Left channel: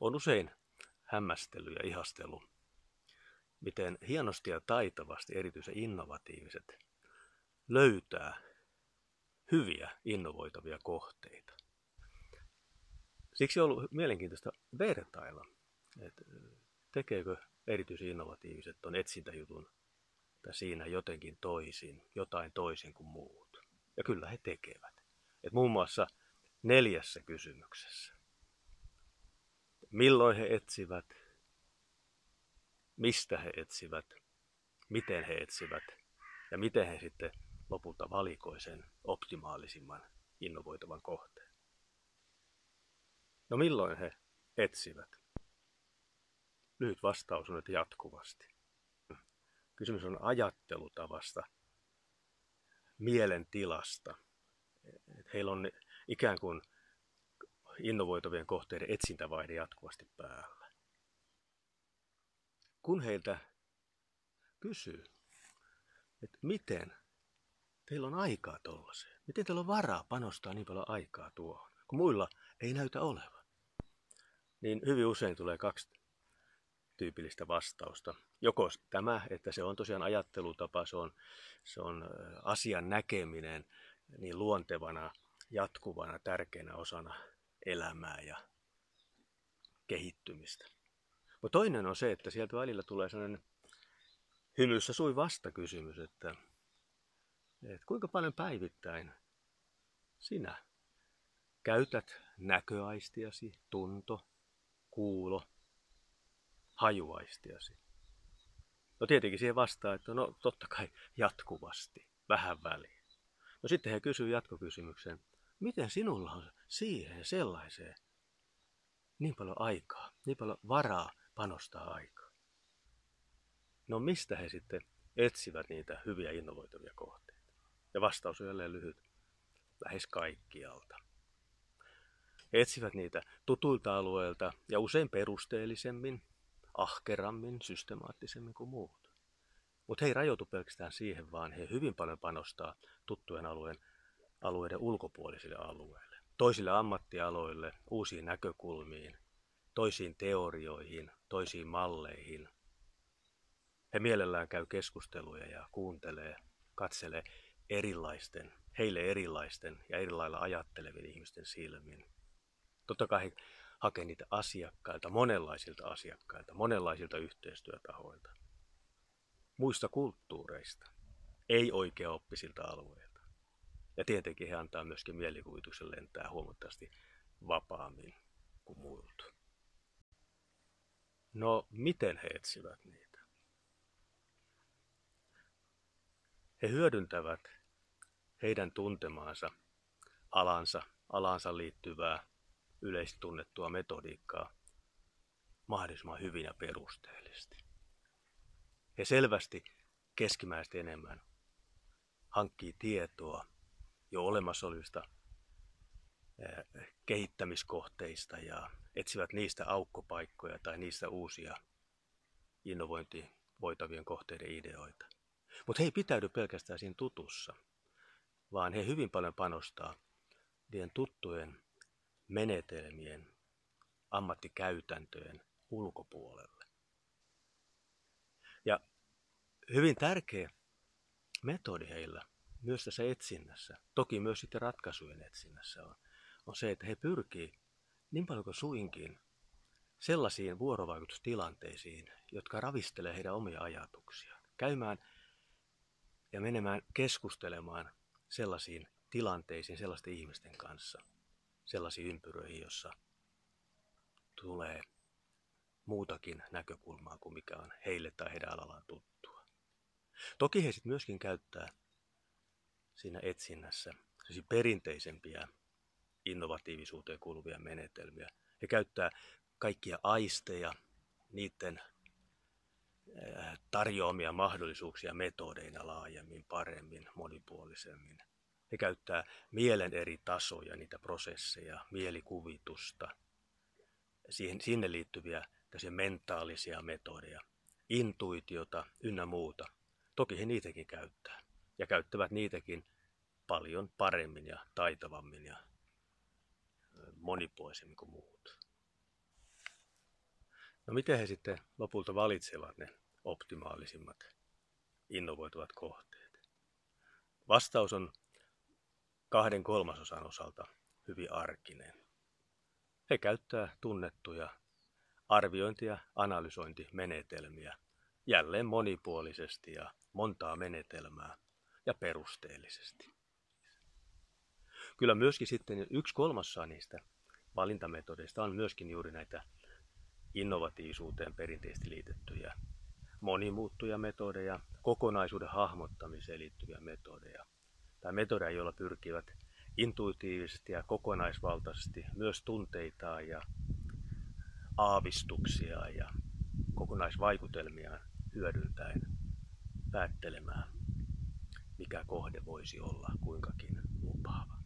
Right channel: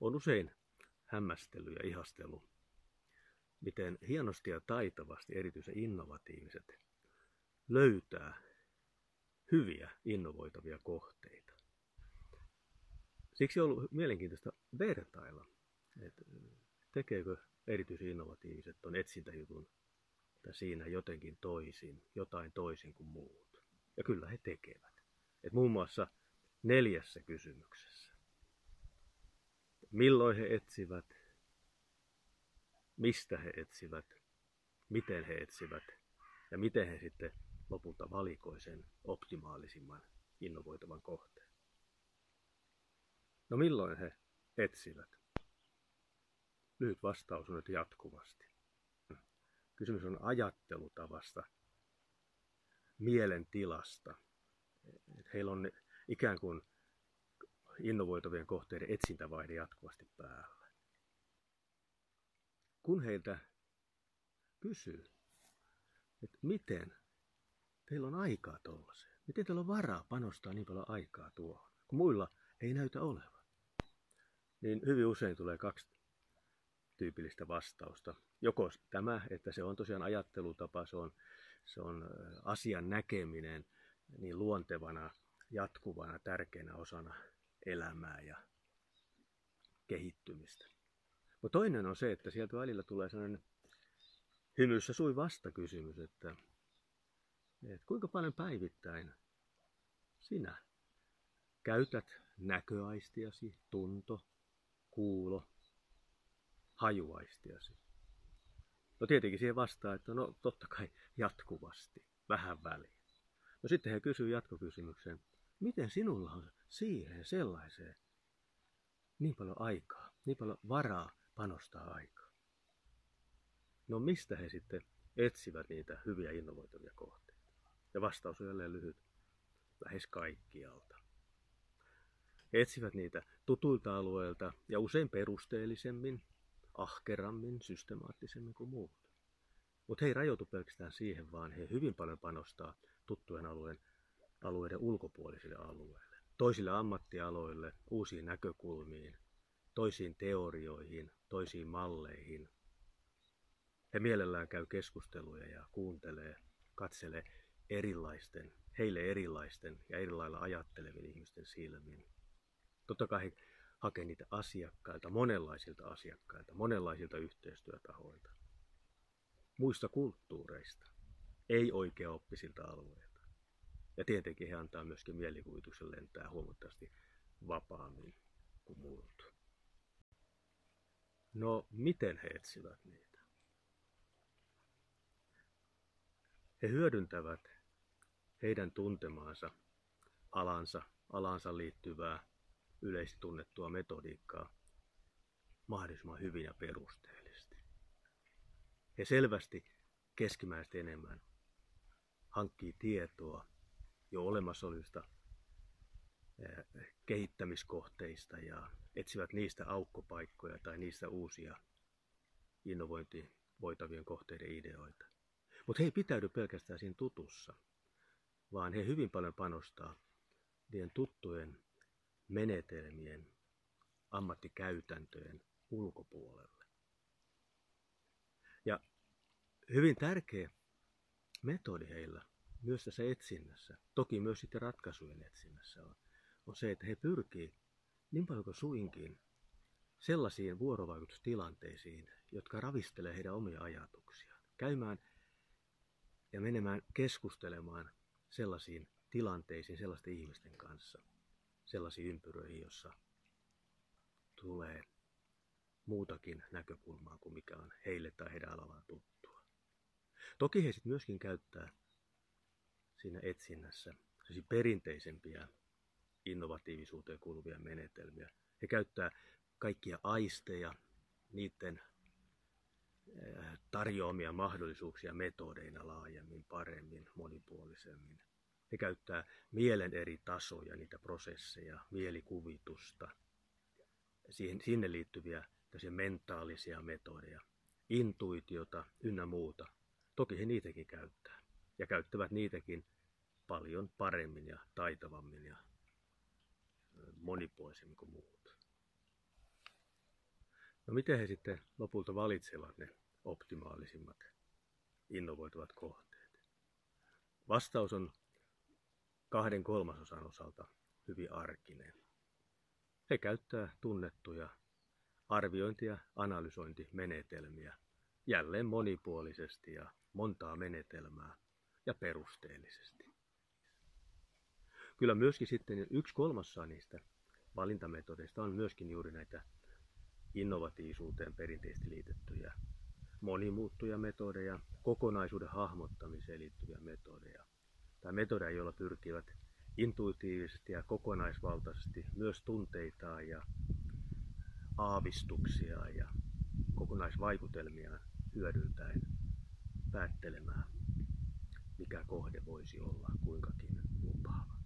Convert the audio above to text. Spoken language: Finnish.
on usein hämmästellyt ja ihastellut, miten hienosti ja taitavasti erityisen innovatiiviset löytää hyviä innovoitavia kohteita. Siksi on ollut mielenkiintoista vertailla, että tekeekö erityisen innovatiiviset tuon etsintäjutun tai siinä jotenkin toisin, jotain toisin kuin muut. Ja kyllä he tekevät. Et muun muassa 4 kysymyksessä. Milloin he etsivät, mistä he etsivät, miten he etsivät ja miten he sitten lopulta valikoi sen optimaalisimman innovoitavan kohteen. No milloin he etsivät? Lyhyt vastaus on, että jatkuvasti. Kysymys on ajattelutavasta, mielentilasta. Heillä on ikään kuin innovoitavien kohteiden etsintävaihde jatkuvasti päällä. Kun heiltä kysyy, että miten teillä on aikaa tuollaiseen, miten teillä on varaa panostaa niin paljon aikaa tuohon, kun muilla ei näytä olevan, niin hyvin usein tulee 2 tyypillistä vastausta. Joko tämä, että se on tosiaan ajattelutapa, se on asian näkeminen niin luontevana, jatkuvana, tärkeänä osana elämää ja kehittymistä. Mutta toinen on se, että sieltä välillä tulee sellainen hymyssä sui vastakysymys, että kuinka paljon päivittäin sinä käytät näköaistiasi, tunto, kuulo, hajuaistiasi. No tietenkin siihen vastaa, että no totta kai jatkuvasti, vähän väliin. No sitten he kysyvät jatkokysymyksen, miten sinulla on siihen sellaiseen niin paljon aikaa, niin paljon varaa panostaa aikaa. No mistä he sitten etsivät niitä hyviä innovoitavia kohteita? Ja vastaus on jälleen lyhyt, lähes kaikkialta. He etsivät niitä tutuilta alueilta ja usein perusteellisemmin, ahkerammin, systemaattisemmin kuin muut. Mutta he ei rajoitu pelkästään siihen, vaan he hyvin paljon panostaa tuttujen alueiden ulkopuolisille alueille. Toisille ammattialoille, uusiin näkökulmiin, toisiin teorioihin, toisiin malleihin. He mielellään käy keskusteluja ja kuuntelee, katselee heille erilaisten ja eri lailla ajattelevien ihmisten silmin. Totta kai he hakevat niitä monenlaisilta monenlaisilta yhteistyötahoilta, muista kulttuureista, ei oikeaoppisilta alueilta. Ja tietenkin he antaa myöskin mielikuvituksen lentää huomattavasti vapaammin kuin muilta. No, miten he etsivät niitä? He hyödyntävät heidän tuntemaansa alansa liittyvää yleisesti tunnettua metodiikkaa mahdollisimman hyvin ja perusteellisesti. He selvästi keskimääräisesti enemmän hankkii tietoa jo olemassa olevista kehittämiskohteista ja etsivät niistä aukkopaikkoja tai niistä uusia innovoitavien kohteiden ideoita. Mutta he ei pitäydy pelkästään siinä tutussa, vaan he hyvin paljon panostaa niiden tuttujen menetelmien, ammattikäytäntöjen ulkopuolelle. Ja hyvin tärkeä metodi heillä myös tässä etsinnässä, toki myös sitten ratkaisujen etsinnässä on se, että he pyrkii niin paljon kuin suinkin sellaisiin vuorovaikutustilanteisiin, jotka ravistelee heidän omia ajatuksiaan. Käymään ja menemään keskustelemaan sellaisiin tilanteisiin, sellaisten ihmisten kanssa, sellaisiin ympyröihin, jossa tulee muutakin näkökulmaa kuin mikä on heille tai heidän alallaan tuttua. Toki he sitten myöskin käyttää siinä etsinnässä perinteisempiä innovatiivisuuteen kuuluvia menetelmiä. He käyttää kaikkia aisteja, niiden tarjoamia mahdollisuuksia metodeina laajemmin, paremmin, monipuolisemmin. He käyttää mielen eri tasoja, niitä prosesseja, mielikuvitusta, sinne liittyviä mentaalisia metodeja, intuitiota ynnä muuta. Toki he niitäkin käyttää ja käyttävät niitäkin paljon paremmin ja taitavammin ja monipuolisemmin kuin muut. No miten he sitten lopulta valitsevat ne optimaalisimmat innovoituvat kohteet? Vastaus on 2/3 osalta hyvin arkinen. He käyttää tunnettuja arviointi- ja analysointimenetelmiä jälleen monipuolisesti ja montaa menetelmää ja perusteellisesti. Kyllä myöskin sitten 1/3 niistä valintametodeista on myöskin juuri näitä innovatiivisuuteen perinteisesti liitettyjä monimuuttuja metodeja, kokonaisuuden hahmottamiseen liittyviä metodeja tai metodeja, joilla pyrkivät intuitiivisesti ja kokonaisvaltaisesti myös tunteitaan ja aavistuksia ja kokonaisvaikutelmia hyödyntäen päättelemään, mikä kohde voisi olla kuinkakin lupaava.